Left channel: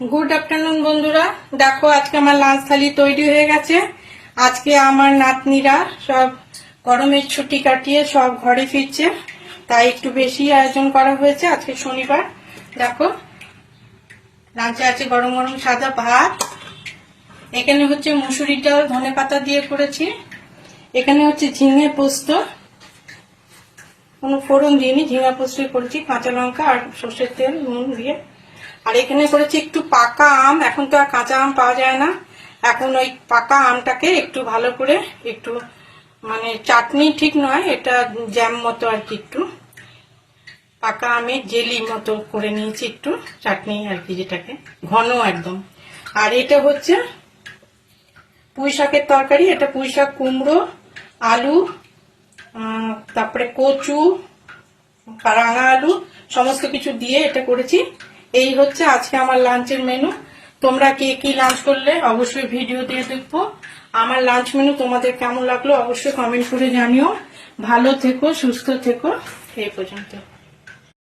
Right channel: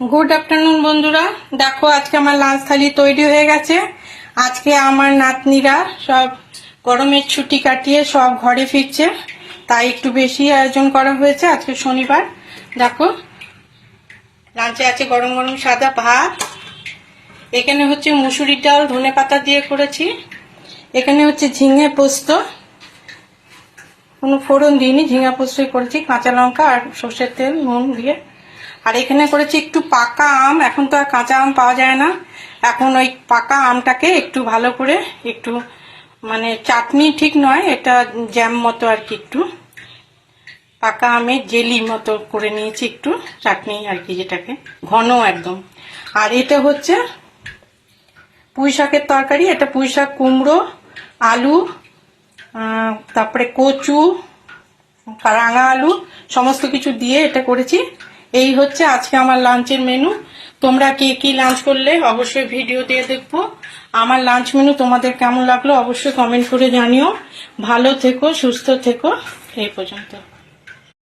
Good afternoon बंधुरा देखो आज के हमार लांच थाली तैरी हो गए। आज के हमार नातनीरा सब गरमेर छुट्टी काटिए सब घरे फिरছে তাই একটু বেশি আয়োজন করা হয়েছে। আজকে শনিবার দেখো লাঞ্চে আছে গরম গরম সাদা ভাত, এখানে হচ্ছে মুসুরির ডাল ধনে পাতা দিয়ে করেছি, এখানে হচ্ছে ঝিঙে পোস্ত, কোনো ফোড়ন দিইনি, ঝিঙা পোস্তই করেছি, কাঁচা লঙ্কা আর সরষের তেল নুন দিয়ে। আর এখানে করেছি একটু পাকা আম, এখন তো আর কাঁচা আম পাওয়া যায় না, এখন ওই পাকা আমটাকে একটু ভালো করে একটু মানে চাটনি ঠিক নয়, এটা জ্যাম মতো আর কি, একটু পাকা আমের জেলি মতো করে নিয়েছি, একটু চাটনি আর কি, যেটাকে ঘন একদম। আর এটা হচ্ছে পুঁই শাকের তরকারি, এটা পুঁই শাক, কুমড়ো, আলু, তারপরে কচু, রাঙা আলু সমস্ত কিছু দিয়ে এটা করেছি। এই হচ্ছে আজকে আমার লাঞ্চের মেনু। তোমরা কে কি লাঞ্চ করলে অবশ্যই ভিডিও দিয়ে দেখবো। আমার লাঞ্চ মেনু তোমাদের কেমন লাগলো অবশ্যই কমেন্ট করে জানিও। ভালো থেকো, সুস্থ থেকো, এই পর্যন্ত।